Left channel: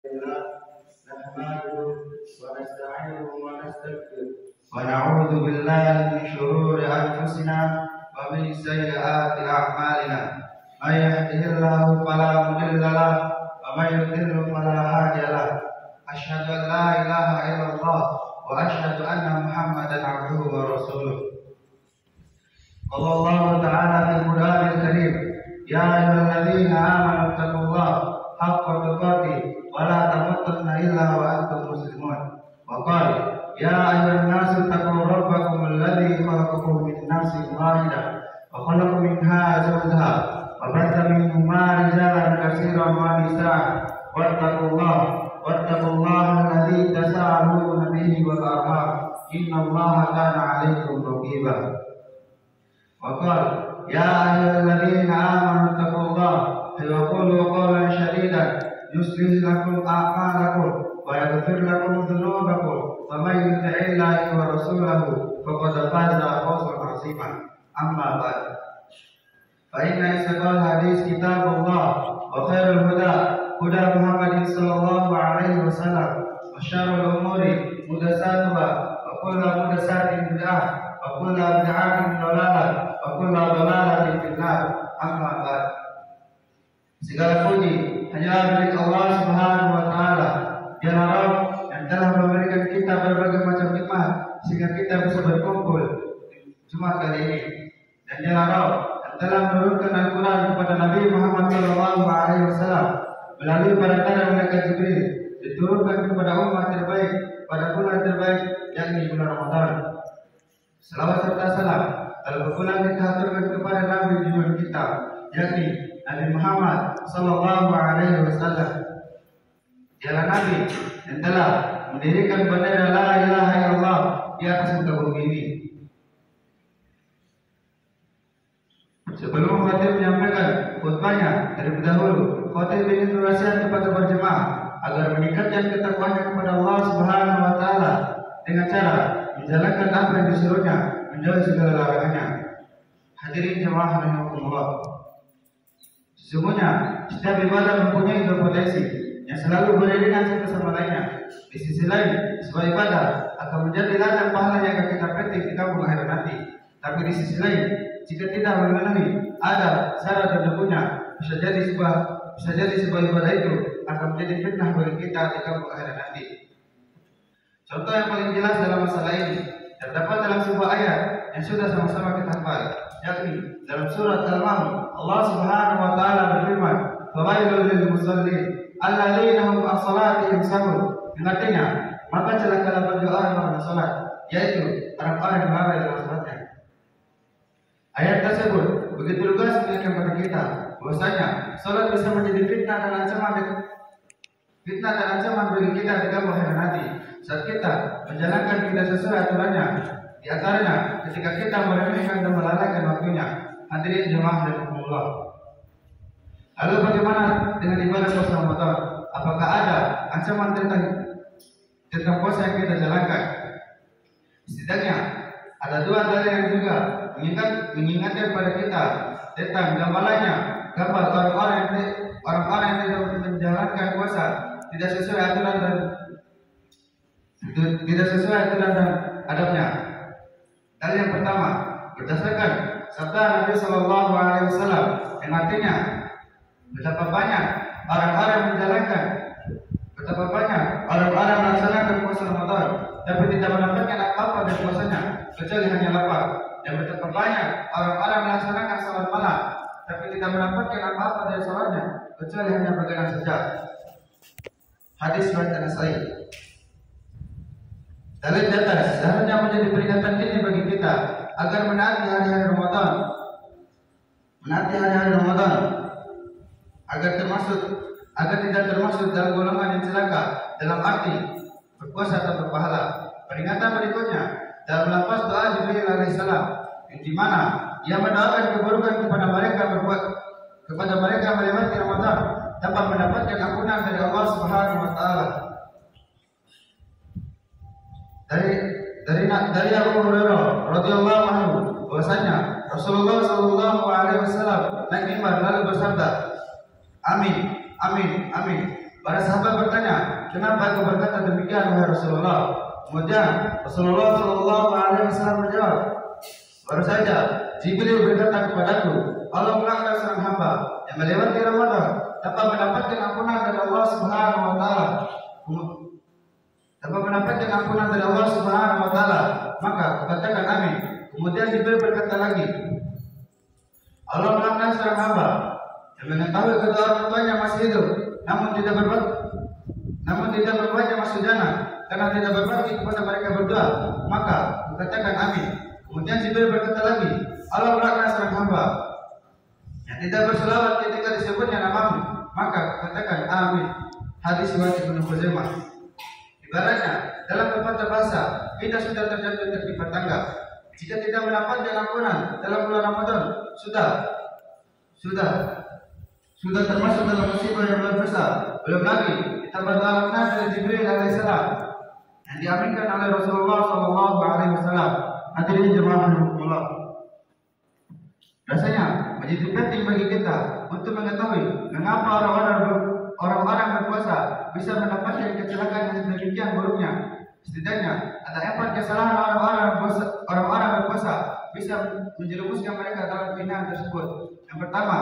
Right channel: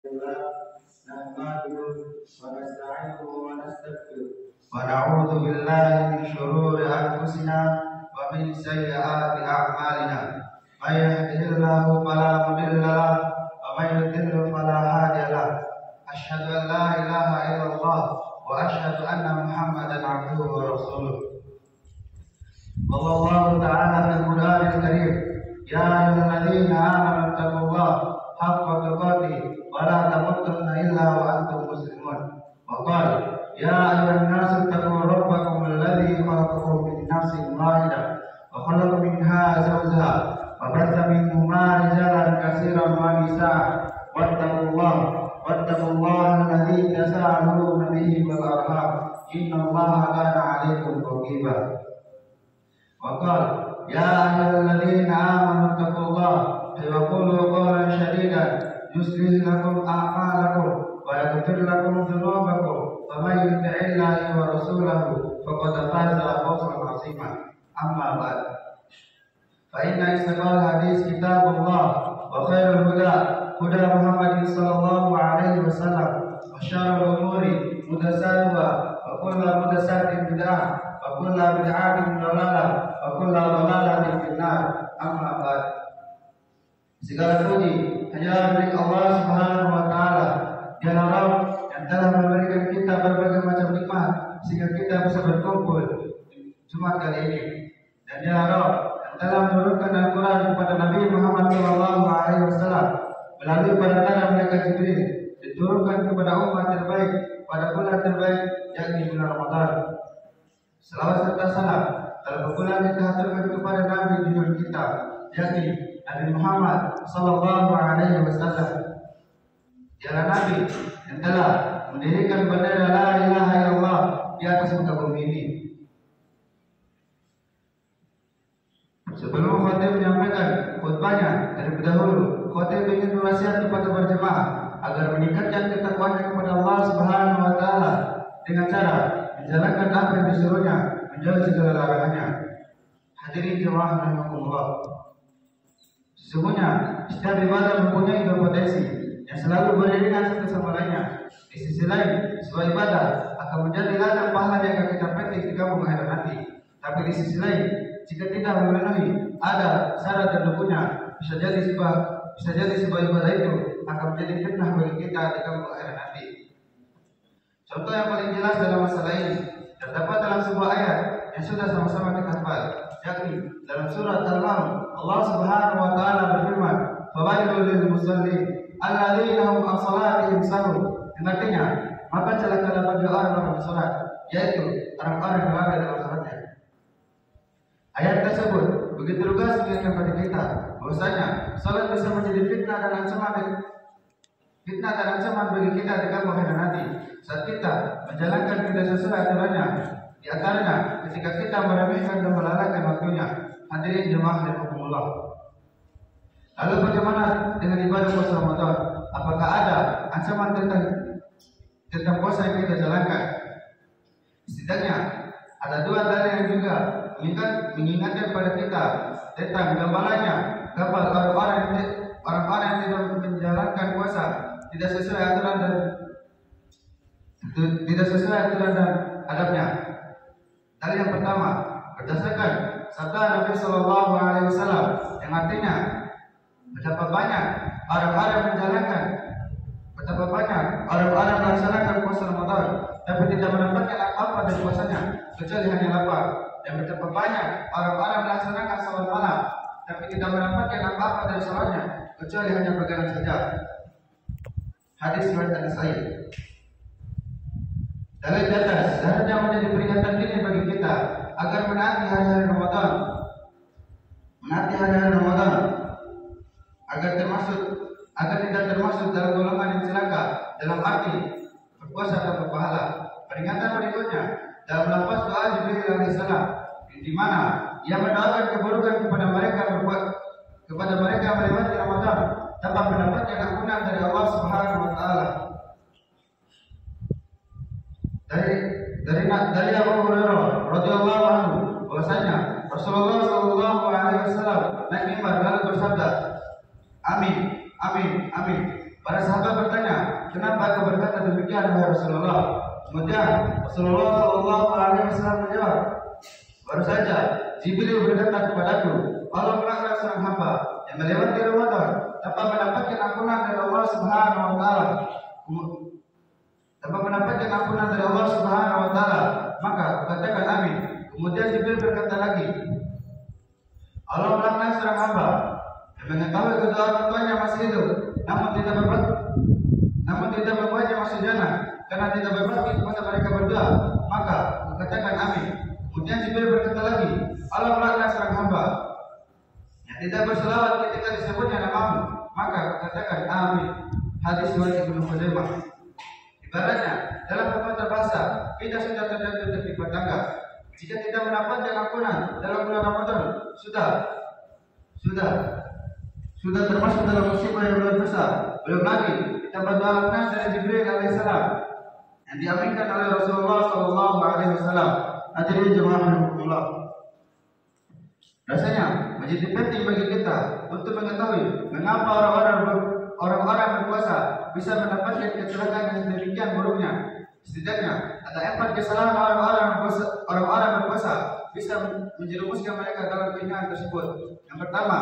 نحمده ونستعينه ونستغفره ونعوذ بالله من شرور أنفسنا ومن سيئات أعمالنا من يهده الله فلا مضل له ومن يضلل فلا هادي له أشهد أن لا إله إلا الله وأشهد أن محمدا عبده ورسوله قال الله تعالى في القرآن الكريم يا أيها الذين آمنوا اتقوا الله حق تقاته ولا تموتن إلا وأنتم مسلمون وقال يا أيها الناس اتقوا ربكم الذي خلقكم من نفس واحدة وخلق منها زوجها وبث منهما رجالا كثيرا ونساء واتقوا الله الذي تساءلون به والأرحام إن الله كان عليكم رقيبا وقال يا أيها الذين آمنوا اتقوا الله وقولوا قولا سديدا يصلح لكم أعمالكم ويغفر لكم ذنوبكم ومن يطع الله ورسوله فقد فاز فوزا عظيما أما بعد فإن أصدق الحديث كتاب الله وخير الهدى هدى محمد صلى الله عليه وسلم وشر الأمور محدثاتها وكل محدثات بدعة وكل بدعة ضلالة وكل ضلالة في النار أما بعد. Segala puji hanya milik Allah Subhanahu wa taala. Dialah Rabb yang telah memberikan kita berbagai macam nikmat sehingga kita bisa berkumpul di Jumat kali ini. Dan dialah Rabb yang telah menurunkan Al-Qur'an kepada Nabi Muhammad SAW melalui perantara malaikat Jibril, diturunkan kepada umat terbaik pada bulan terbaik yakni bulan Ramadan. Selawat serta salam telah berpulang kita haturkan kepada Nabi junjungan kita yakni Nabi Muhammad sallallahu alaihi wasallam. Dialah Nabi yang telah mendirikan bendera la ilaha illallah di atas muka bumi ini. Sebelum khatib menyampaikan khutbahnya terlebih dahulu, khatib ingin berwasiat kepada berjemaah agar meningkatkan ketakwaan kepada Allah Subhanahu wa taala dengan cara menjalankan apa yang disuruhnya, menjauhi segala larangannya. Hadirin jemaah rahimakumullah. Sesungguhnya setiap ibadah mempunyai dua potensi yang selalu beriringan satu sama lainnya. Di sisi lain, sebuah ibadah akan menjadi ladang pahala yang akan kita petik di kampung akhirat nanti. Tapi di sisi lain, jika tidak memenuhi ada syarat tertentunya, bisa jadi sebuah ibadah itu akan menjadi fitnah bagi kita di kampung akhirat nanti. Contoh yang paling jelas dalam masalah ini terdapat dalam sebuah ayat yang sudah sama-sama kita hafal, yakni dalam surat Al-Maun. Allah Subhanahu wa taala berfirman, "Fawailul lil musallin alladzina hum an salatihim sahun." Artinya, maka celakalah bagi orang-orang salat, yaitu orang-orang yang lalai dalam salatnya. Ayat tersebut begitu lugas mengingatkan kepada kita bahwasanya salat bisa menjadi fitnah dan ancaman bagi kita di kampung akhirat nanti saat kita menjalankan tidak sesuai aturannya. Di antaranya ketika kita meremehkan dan melalaikan waktunya. Hadirin jemaah rahimakumullah. Lalu bagaimana dengan ibadah puasa Ramadan? Apakah ada ancaman tentang puasa yang kita jalankan? Setidaknya ada dua dalil yang juga mengingatkan kepada kita tentang gambarannya, gambar orang-orang yang tidak menjalankan puasa tidak sesuai aturan dan adabnya. Dalil yang pertama berdasarkan sabda Nabi Sallallahu Alaihi Wasallam yang artinya betapa banyak orang-orang melaksanakan puasa Ramadan tapi tidak mendapatkan apa-apa dari puasanya kecuali hanya lapar, dan betapa banyak orang-orang melaksanakan salat malam tapi tidak mendapatkan apa-apa dari salatnya kecuali hanya begadang saja. Hadis riwayat An-Nasa'i. Dalil di atas seharusnya menjadi peringatan dini bagi kita agar menaati hari-hari Ramadan, agar tidak termasuk dalam golongan yang celaka dalam arti berpuasa atau berpahala. Peringatan berikutnya dalam lafaz doa Jibril alaihissalam, di mana ia mendoakan keburukan kepada mereka melewati Ramadan tanpa mendapatkan ampunan dari Allah Subhanahu wa taala. Dari Abu Hurairah radhiyallahu anhu bahwasanya Rasulullah sallallahu alaihi wasallam naik mimbar lalu bersabda, "Amin, amin, amin." Para sahabat bertanya, kenapa kau berkata demikian wahai Rasulullah? Kemudian Rasulullah Shallallahu Alaihi Wasallam menjawab, baru saja Jibril berkata kepadaku, Allah melaknat seorang hamba yang melewati Ramadan tanpa mendapatkan ampunan dari Allah Subhanahu Wa Taala. Tanpa mendapatkan ampunan dari Allah Subhanahu Wa Taala, maka katakan amin. Kemudian Jibril berkata lagi, Allah melaknat seorang hamba yang mengetahui kedua orang tuanya masih hidup, namun tidak berbuatnya masuk jannah karena tidak berbakti kepada mereka berdua, maka katakan amin. Kemudian Jibril berkata lagi, Allah melaknat seorang hamba yang tidak berselawat ketika disebutnya namamu, maka katakan amin. Hadis riwayat Ibnu Khuzaimah. Ibaratnya dalam pepatah bahasa, kita sudah terjatuh tertimpa tangga. Jika tidak mendapatkan ampunan dalam bulan Ramadan, sudah termasuk dalam musibah yang luar biasa. Belum lagi kita berdoa dari Jibril alaihissalam yang diaminkan oleh Rasulullah Shallallahu Alaihi Wasallam. Hadirin jemaah rahimahullah. Rasanya menjadi penting bagi kita untuk mengetahui mengapa orang-orang berpuasa bisa mendapatkan kecelakaan yang demikian buruknya. Setidaknya ada 4 kesalahan orang-orang berpuasa bisa menjerumuskan mereka dalam kehinaan tersebut. Yang pertama,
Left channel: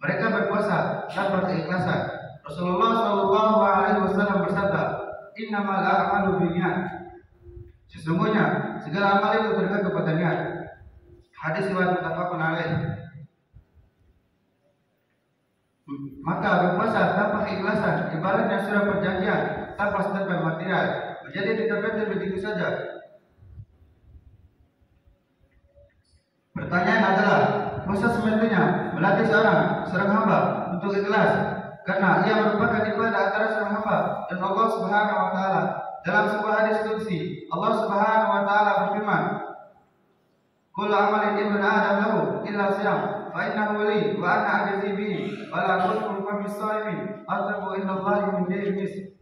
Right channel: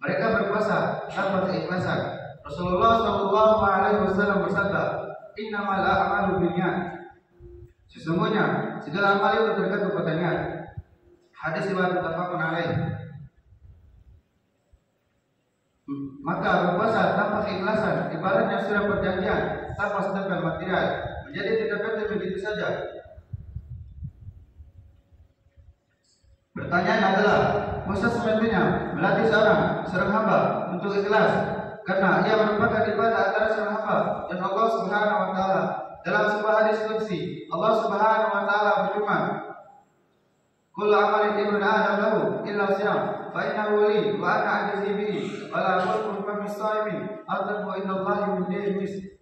mereka berpuasa tanpa keikhlasan. Rasulullah Shallallahu Alaihi Wasallam bersabda, "Innamal a'malu binniyat." Sesungguhnya segala amal itu tergantung pada niat. Hadis riwayat muttafaqun alaih. Maka berpuasa tanpa keikhlasan ibaratnya surat perjanjian tanpa stempel material, menjadi tidak penting begitu saja. Pertanyaan adalah, masa semestinya melatih seorang hamba untuk ikhlas, karena ia merupakan ibadah antara seorang hamba dan Allah Subhanahu Wa Taala. Dalam sebuah hadis qudsi, Allah Subhanahu Wa Taala berfirman, "Kullu amalin ibn Adam lahu illa siyam, fa innahu wali wa ana ajzi bihi, wa la shukru fa mis-shaimin, atqu inna Allahi min dayris."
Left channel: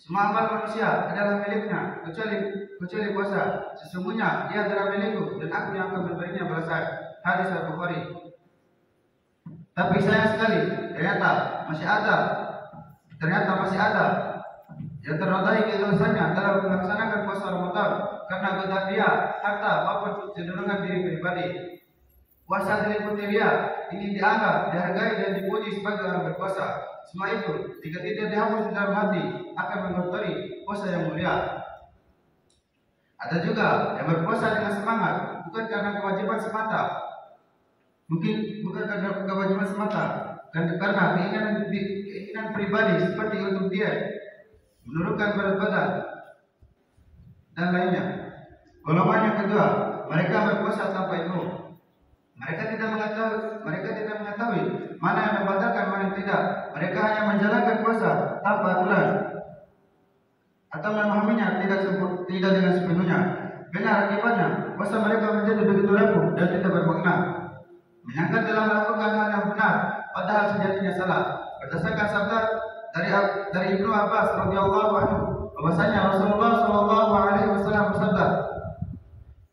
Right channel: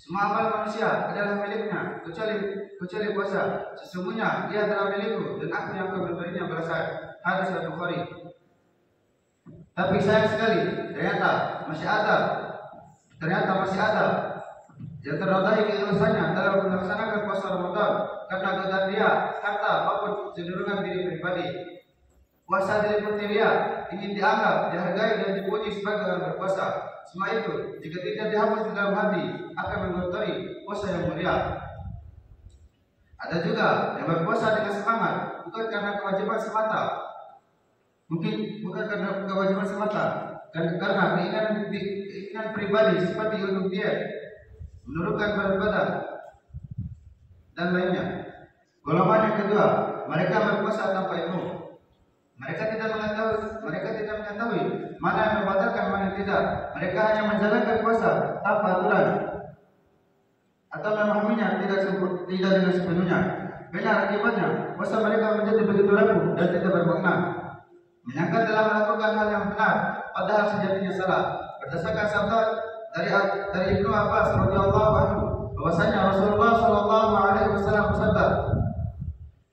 Semua amal manusia adalah miliknya kecuali puasa. Sesungguhnya ia adalah milikku dan aku yang akan memberinya balasan. Hadis Al-Bukhari. Tapi sayang sekali, ternyata masih ada yang ternodai keikhlasannya dalam melaksanakan puasa Ramadan karena godaan dia, harta maupun cenderungan diri pribadi. Puasa diliputi ria, ingin dianggap, dihargai dan dipuji sebagai orang berpuasa. Semua itu jika tidak dihapus di dalam hati akan mengotori puasa yang mulia. Ada juga yang berpuasa dengan semangat bukan karena kewajiban semata, karena keinginan pribadi seperti untuk diet, menurunkan berat badan dan lainnya. Golongan yang kedua, mereka berpuasa tanpa ilmu. Mereka tidak mengetahui mana yang membatalkan, mana yang tidak. Mereka hanya menjalankan puasa tanpa aturan atau memahaminya tidak dengan sepenuhnya. Benar akibatnya, puasa mereka menjadi begitu rapuh dan tidak bermakna. Menyangka dalam melakukan hal yang benar, padahal sejatinya salah. Berdasarkan sabda dari Ibnu Abbas radhiyallahu anhu, bahwasanya Rasulullah Shallallahu Alaihi Wasallam bersabda,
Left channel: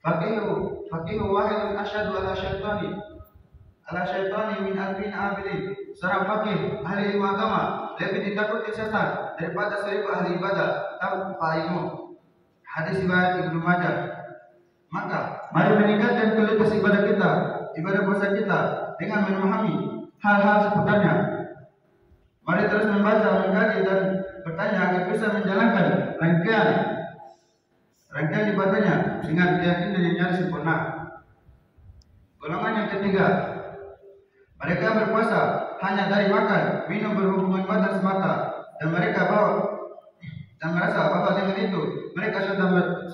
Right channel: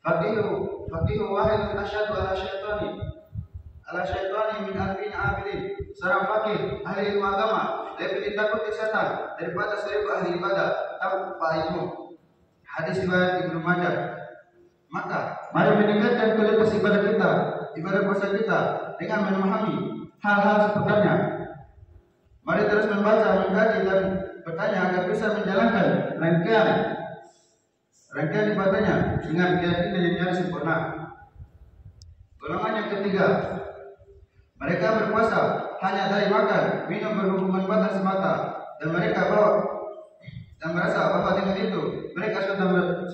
"Faqihu wahidun asyaddu ala syaitani min alfin abidin." Seorang fakih ahli ilmu agama lebih ditakuti setan daripada 1000 ahli ibadah tanpa ilmu. Hadis riwayat Ibnu Majah. Maka mari meningkatkan kualitas ibadah puasa kita dengan memahami hal-hal seputarnya. Mari terus membaca, mengkaji dan bertanya agar bisa menjalankan rangkaian ibadahnya dengan keyakinan yang nyaris sempurna. Golongan yang ketiga, mereka berpuasa hanya dari makan, minum, berhubungan badan semata, dan merasa bahwa dengan itu mereka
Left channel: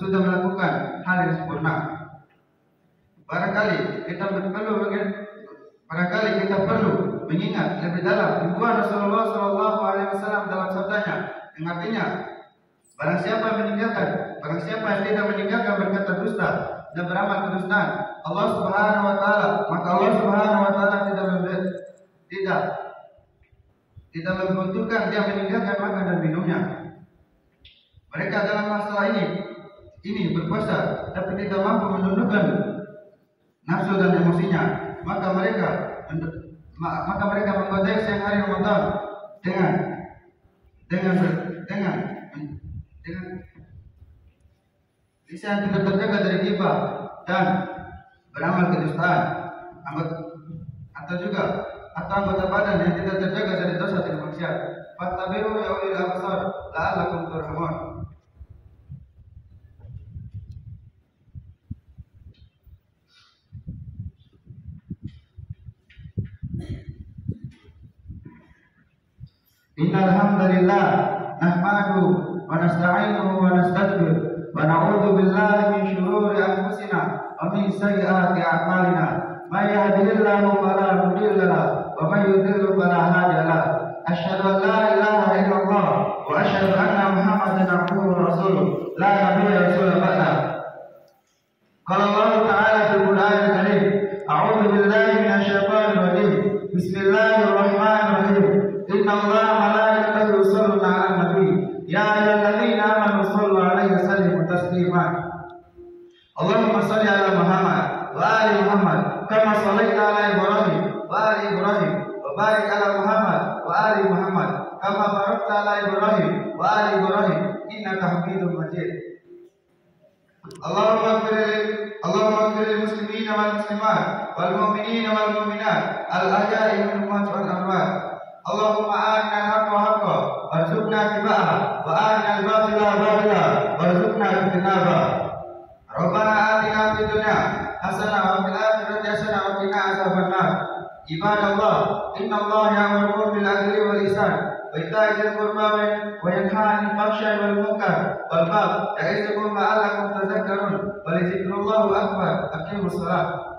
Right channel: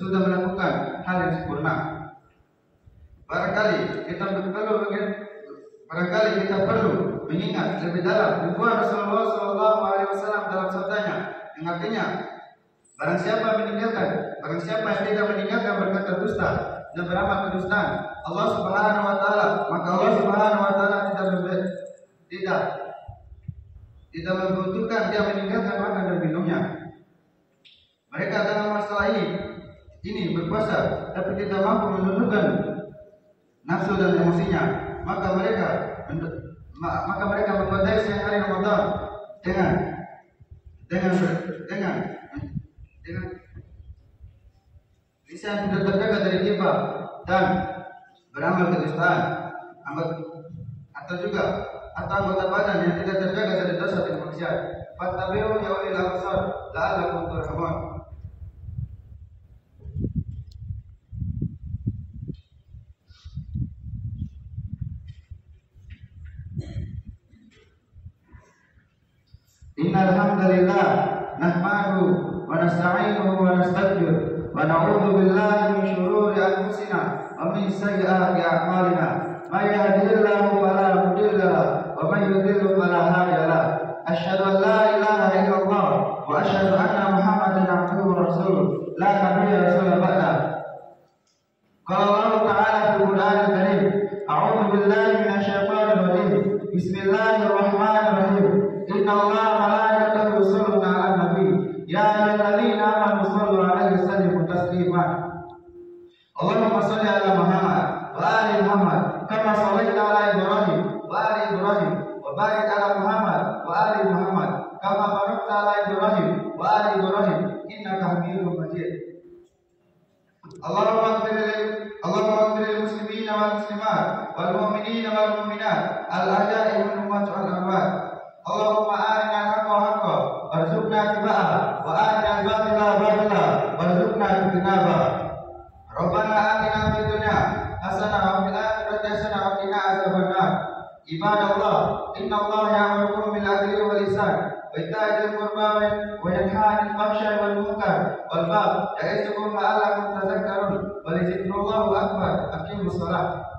sudah melakukan hal yang sempurna. Barangkali kita perlu mengingat lebih dalam himbuan Rasulullah Shallallahu Alaihi Wasallam dalam sabdanya, yang artinya, barang siapa yang tidak meninggalkan berkata dusta dan beramal kedustaan Allah Subhanahu Wa Taala, maka Allah Subhanahu Wa Taala tidak membutuhkan dia meninggalkan makan dan minumnya. Mereka dalam masalah ini berpuasa tapi tidak mampu menundukkan nafsu dan emosinya, maka mereka menggodai siang hari Ramadan dengan lisan tidak terjaga dari ghibah dan beramal kedustaan, atau anggota badan yang tidak terjaga dari dosa dan maksiat. Fattabi'u ya ulil absar la'allakum turhamun. Innal hamdalillah nahmaduhu wa nasta'inuhu wa nastaghfiruh wa na'udzu billahi min shururi anfusina wa min sayyiati a'malina. May yahdihillahu fala mudilla lahu wa may yudlil fala hadiya lahu. Asyhadu an la ilaha illallah wa asyhadu anna Muhammadan abduhu wa rasuluh la nabiyya rasulullah ba'da. Qala Allah ta'ala fil Qur'anil Karim, a'udzu billahi minasy syaithanir rajim. Bismillahirrahmanirrahim. Innallaha wa malaikatahu yusholluna 'alan nabi. Ya ayyuhalladzina amanu shollu 'alaihi wa sallimu taslima. Allahumma shalli 'ala Muhammad wa ali Muhammad kama shallaita 'ala Ibrahim wa ali Ibrahim wa barik 'ala Muhammad wa ali Muhammad kama barakta 'ala Ibrahim wa ali Ibrahim innaka Hamidum Majid. Allahumma ighfir lil muslimina wal muslimat wal mu'minina wal mu'minat al ahya'i minhum wal amwat. Allahumma arina al-haqqa haqqan warzuqna ittiba'ahu wa arina al-batila batila warzuqna ijtinabah. Rabbana atina fid dunya hasanah wa fil akhirati hasanah wa qina adzabannar. Ibadallah, innallaha ya'muru bil 'adli wal ihsan wa ita'i dzil qurba wa yanha 'anil fahsya'i wal munkar wal baghi ya'izukum la'allakum tadhakkarun. Wa lidzikrullahi akbar. Aqimus shalah.